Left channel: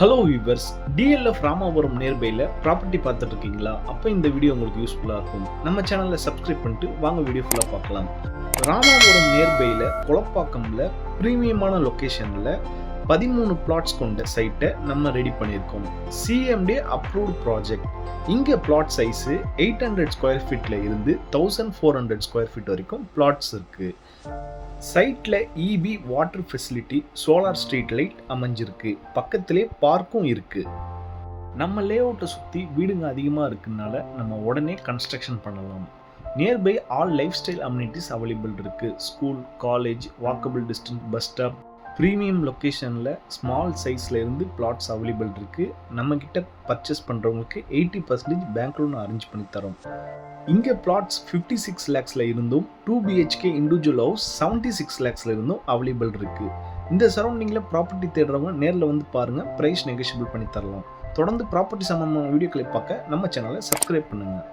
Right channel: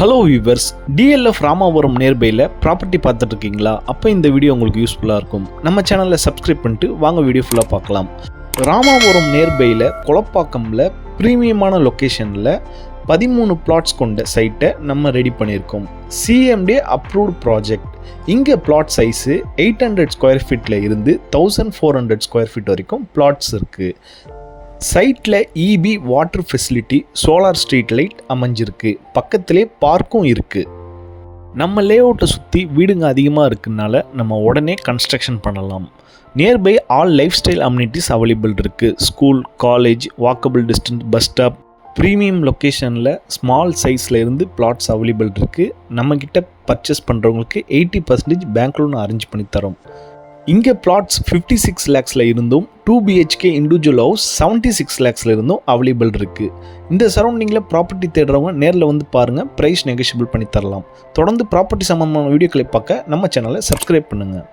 Hello viewers, DLF Ramapuram நியர்பையில் property பார்த்துட்டு இருக்கீங்களா? அப்போ இந்த வீடியோ உங்களுக்கு யூஸ்ஃபுல்லாக இருக்கும். நம்ம சேனலில் சப்ஸ்கிரைப் பண்ணிட்டு வாங்க வீடியோ ஃபுல்லாக பார்க்கலாம். ராமாபுரம் நியர்பையில் கொளப்பாக்கமில் ப்ரீமியமான லொக்கேஷனில் 13 பிளாட்ஸ் கொண்ட சைட்டை நம்ம ரெடி பண்ணியிருக்கோம். CMD approved project. இங்கே பிளாட் சைஸு 800 ஸ்கொயர் ஃபீட்டில் இருந்து 1400 ஸ்கொயர் ஃபீட் வரைக்கும் பிளாட்ஸ் இருக்குது. சைட்டில் EB water facility, solar street light அமைஞ்சிருக்கு. பக்கத்திலே பார்க்கும் இருக்குது. நம்ம லேஅவுட்டை சுற்றி வீடுங்க அதிகமாக இருக்குனால நம்ம உடனே கன்ஸ்ட்ரக்ஷன் பண்ணலாம். Nearby all lifestyle amenities available இருக்குது. School, college, walkable distance, bus stop. Premium லொக்கேஷனில் ஸ்மால் சைஸில் இருந்து பிளாட்ஸ் அவைலபிள் இருக்குது. நம்மக்கிட்ட பர்ச்சேஸ் பண்ணுறவங்களுக்கு 80% பேங்க் லோன் அரேஞ்ச் பண்ணி தரோம். இங்கே பிளாட்ஸ் 56 lakhsல இருந்தும் 2 BHK இண்டிவிஜுவல் ஹவுஸ் 76 lakhsல இருந்தும் அவைலபிள் இருக்குது. இந்த சரௌண்டிங்கில் ப்ராப்பர்ட்டி தேடுறவங்க நேரில் வந்து பாருங்கள், ப்ரைஸ் நெகோஷியபிள் பண்ணி தரலாம். தொடர்ந்து ப்ராப்பர்ட்டி சம்பந்தமான வீடியோக்களை பார்க்க நம்ம சேனலை சப்ஸ்கிரைப் பண்ணுங்கள்.